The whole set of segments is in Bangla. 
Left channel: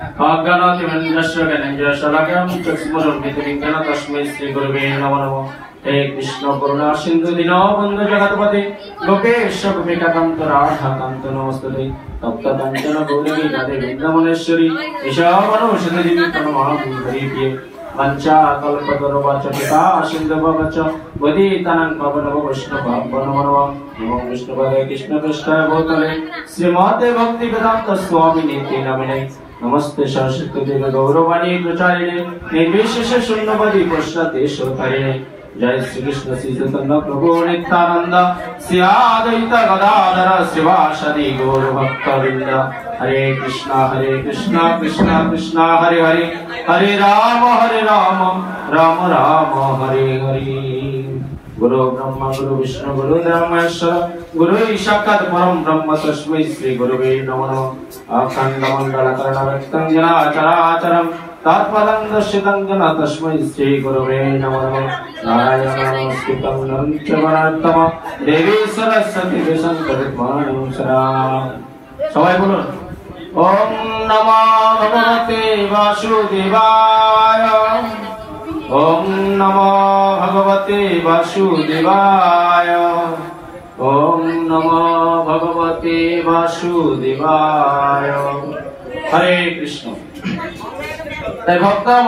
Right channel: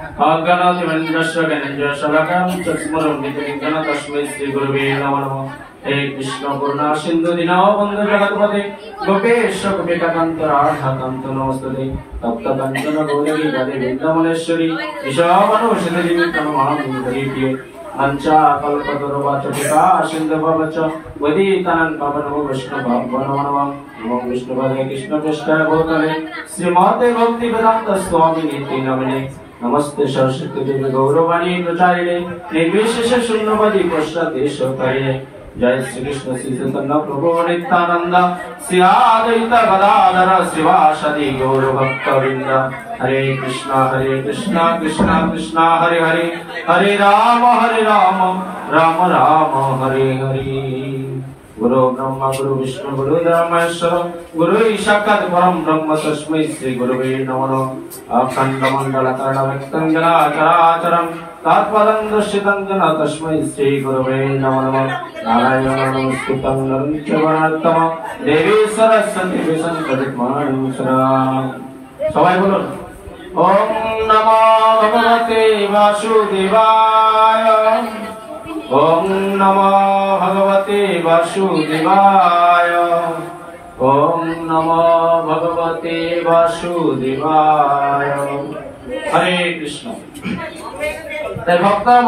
अज्ञानातिमन्त्रस्य ज्ञानेन्द्रशलाकं चक्षुरुन्मिलितं तस्मै श्रीगुरवे नमः। हे कृष्ण करुणा सिन्धु दीनबन्धु जगत्पते गोपेश गोपिकान्त राधाकान्त नमस्ते तप्तकाञ्चन गौरी राधे वृन्दावनेश्वरी ईशावानुषधि नमः। पंचाकल्पतरुवाचटिका सिन्धुभवच वदितां पवनमो विष्णुभवो नमो विष्णुपदे कृष्णपृष्ठाय भूतले श्रीमते भक्तिवेदान्त स्वामिनेति नमने नमस्ते सरस्वती देवी गौरवाणी प्रचारिणे निर्विशेष शून्यवादी प्रश्नते शोकारिणे। जय श्री कृष्ण श्री चैतन्य प्रभु नित्यानंद श्री अद्वैत गदाधर श्रीवासदि गौर भक्तवृंद। हरे कृष्ण कृष्ण कृष्ण हरे हरे हरे राम राम राम हरे हरे। गुरु ब्रह्मा गुरु विष्णु गुरु ब्रह्मेश्वर गुरु साक्षात् परम ब्रह्म तस्मै श्री गुरुवे नमः। अखण्डमण्डलकर्णव्यक्तं जनाचराचरं तत्पदं दर्शितं जन तस्मै श्री गुरुवे नमः। नारायणं नमस्कृतं नरं चैव नरोत्तमं देवी सरस्वती व्यासं সবাই বলুন ওম নমো ভগবতে বাসুদেবায় ওম নমো ভগবতে বাসুদেবায় ওম নমো ভগবতে বাসুদেবায়। হরে কৃষ্ণ। তাই ভক্তরা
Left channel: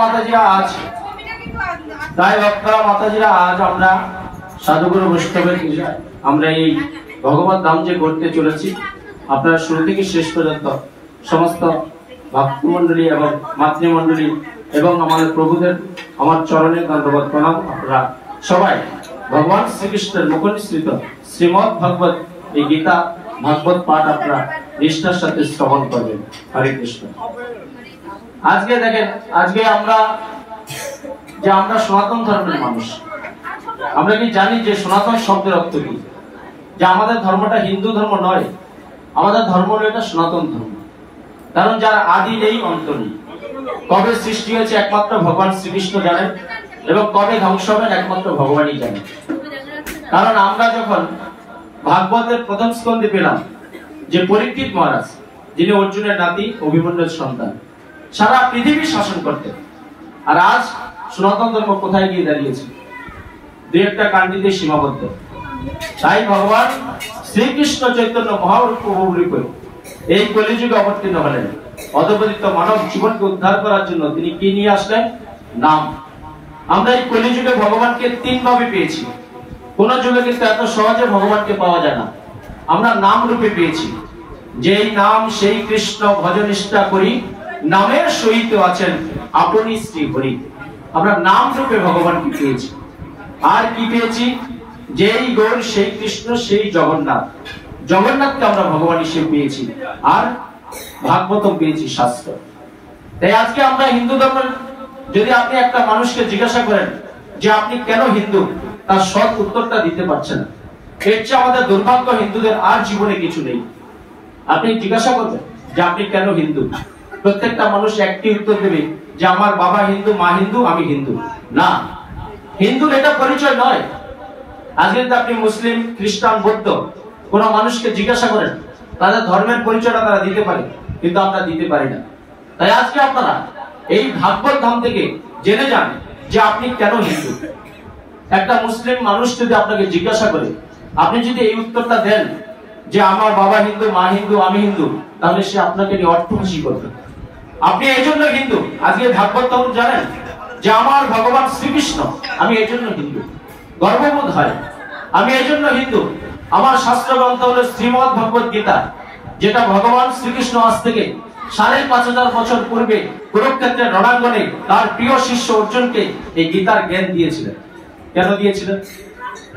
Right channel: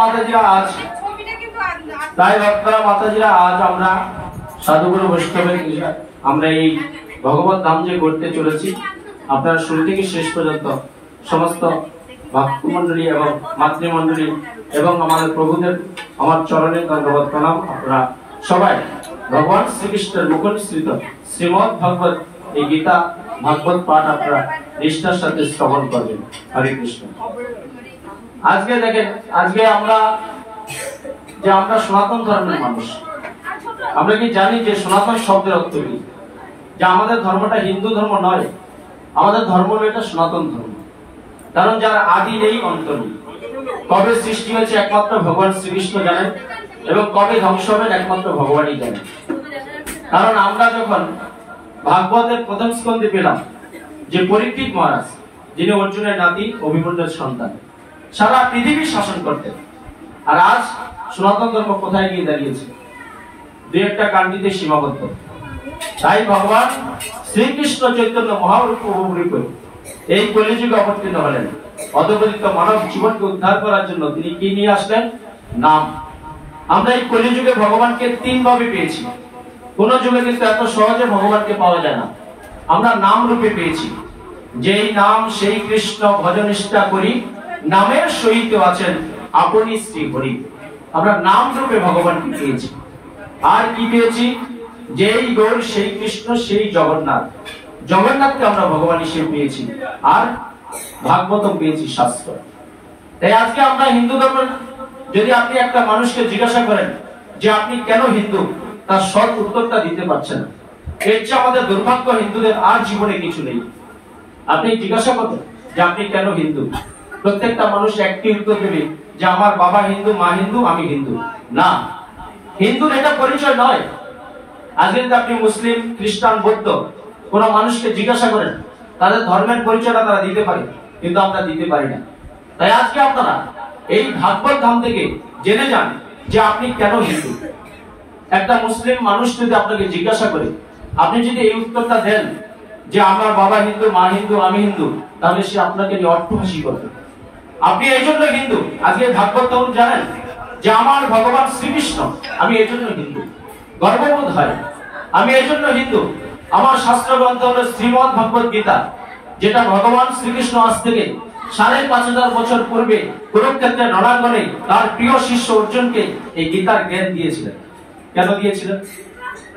মাতাজিরা আজ আমরা সাধুগুরু বৈষ্ণবের আমরা এই ভগবত ধাম যে করতে চলেছি আপনারা শুরু থেকে শেষ পর্যন্ত সমস্ত ভক্তমণ্ডলী এবং মাতৃমণ্ডলী এবং আমাদের প্রভুদের আমার চরণে দণ্ডবত প্রণাম। আপনারা সবাই ভগবান শ্রীকৃষ্ণের মুখনিসৃত শ্রীমদ্ ভাগবত এই গীতা ভাগবত পাঠ আপনারা নিষ্ঠার সাথে শ্রবণ করবেন। হরে কৃষ্ণ। আজকে দেখেন আমরা সনাতন ধর্মের মানুষ। আমরা কি জানি যে সনাতন শব্দের অর্থ কি? যে আমাদের ধর্মটা হিন্দু ধর্ম নয়, আমাদের ধর্ম হলো এটা সনাতন ধর্ম। কারণ যার আদি নেই অন্ত নেই। কবে সৃষ্টি হয়েছে একমাত্র ভগবান শ্রীকৃষ্ণ জানেন এবং কবে ধ্বংস হবেন একমাত্র ভগবানই জানেন। কারণ আমরা যখন ভাগবতের প্রথম স্কন্ধে পেলাম যে পরীক্ষিত মহারাজ যিনি অর্জুনের নাতি অভিমন্যুর সন্তান সারা পৃথিবী শাসন করতেন, আর আজ সনাতন ধর্ম কোথায় গিয়ে দাঁড়িয়েছে? দুই একটা কান্ডিতে সীমাবদ্ধ। তাই ভগবান শ্রীকৃষ্ণ চৈতন্য মহাপ্রভু এই কলিযুগে অবতীর্ণ হলেন। অধপতিত মানব জীবনকে উদ্ধার করার জন্য তিনি কি নিয়ে আসলেন? নাম। আমরা এই কলিযুগে ভগবানকে তিন ভাবে পেয়েছি। কোন যুগে কিন্তু এত সহজে ভগবানকে পাওয়া যায় না। আমরা নাম রূপে পেয়েছি। যেই নাম সেই কৃষ্ণ ভজনিষ্ঠা করি নামের সহিত আছেন আপনি শ্রী হরি। আমরা নাম রূপে ভগবানকে পেয়েছি। আর কি পেয়েছি? যেই গৌর সেই কৃষ্ণ সেই জগন্নাথ। জগন্নাথকে আমরা ভগবান হিসেবে পেয়েছি আর ভাগবত পেয়েছি শাস্ত্র। তাই আজকে আমরা হিন্দু ধর্মের যদি আপনি একটা মানুষকে জিজ্ঞাসা করেন যে আপনি কেন হিন্দু, তার সৎ উত্তরটা দিতে পারছেন না। এর চেয়ে আমাদের দুর্ভাগ্য হিন্দুদের আর জীবনে কিছু নেই। আপনি জিজ্ঞাসা করবেন যে আপনি কেন হিন্দু, প্রত্যেকটা মানুষ একটি উত্তর দেবে যে আমার বাবা হিন্দু, মা হিন্দু, আমি হিন্দু। না, হিন্দুর এটা পরিচয় নয়। আজকে আপনি মুসলিম, খ্রিস্টান, বৌদ্ধ কোন মানুষকে জিজ্ঞাসা করেন তাদের ধর্মের পরিচয়টা তারা দিতে পারে, কিন্তু আমরা দিতে পারি না। তাই আজকে আপনারা এই ভাগবত ধাম থেকে জেনে যান যে আপনি কেন হিন্দু। একটা মুসলিম মানুষ যদি আপনাকে জিজ্ঞাসা করে, আপনি যদি এই উত্তরটা দেন যে আমার বাবা হিন্দু, মা হিন্দু, আমি হিন্দু, তাহলে সে আপনাকে নিয়ে অট্টহাসি করবে। আপনি এই জন্য হিন্দু। আজকে ভাগবত ধাম জানেন যে আমার ভগবান শ্রীকৃষ্ণ, আমি এই জন্য হিন্দু। গর্ববোধ হয় আমি এই জন্য হিন্দু। আমার শাস্ত্র গ্রন্থ হলো শ্রীমদ্ ভগবত গীতা, যেটা ভগবান শ্রীকৃষ্ণ আজ থেকে ৫৫০০ বছর পূর্বে কুরুক্ষেত্রের রণাঙ্গনে তার প্রিয় শিষ্য অর্জুনকে এই গীতার জ্ঞান দিয়েছিলেন। কেন দিয়েছিলেন?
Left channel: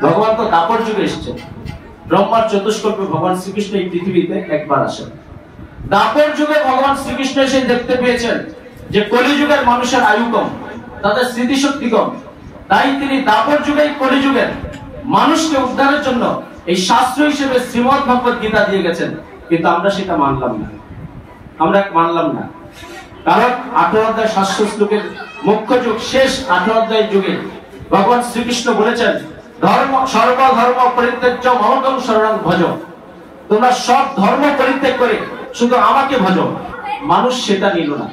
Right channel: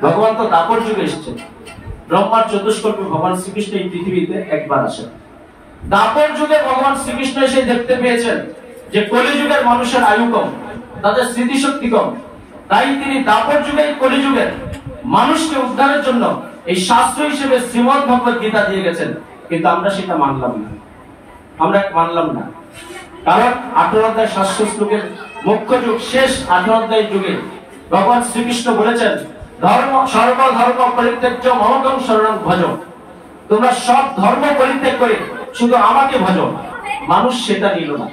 ভগবান তো দাপর যুগে এসেছেন। ব্রহ্মার চতুষ্কল্পে ভগবান শ্রীকৃষ্ণ এই পৃথিবীতে একবার আসেন। দাপর যুগে ভগবান শ্রীকৃষ্ণ এসে দেখতে পেয়েছেন যে কলিযুগের মানুষের আয়ু কম, তাদের স্মৃতিশক্তি কম। তাই তিনি দাপর যুগে কলিযুগের মানুষকে উদ্ধারের জন্য এই শাস্ত্র হিসেবে শ্রীমদ্ ভগবত গীতা দিয়ে গেছেন। কিন্তু আমরা সেটা মানলাম না। কারণ 18 অধ্যায় 700 শ্লোকের মুখ্য যুগ শেষ 18 অধ্যায়ের যুগে ভগবান শ্রীকৃষ্ণ বলেছেন সর্বধর্ম পরিত্যাজ্য মমকং শরণং ভজ। তোমরা সব ধর্ম পরিত্যাগ করে শুধু আমাকে ভজ। মানুষ সেটা নিল না।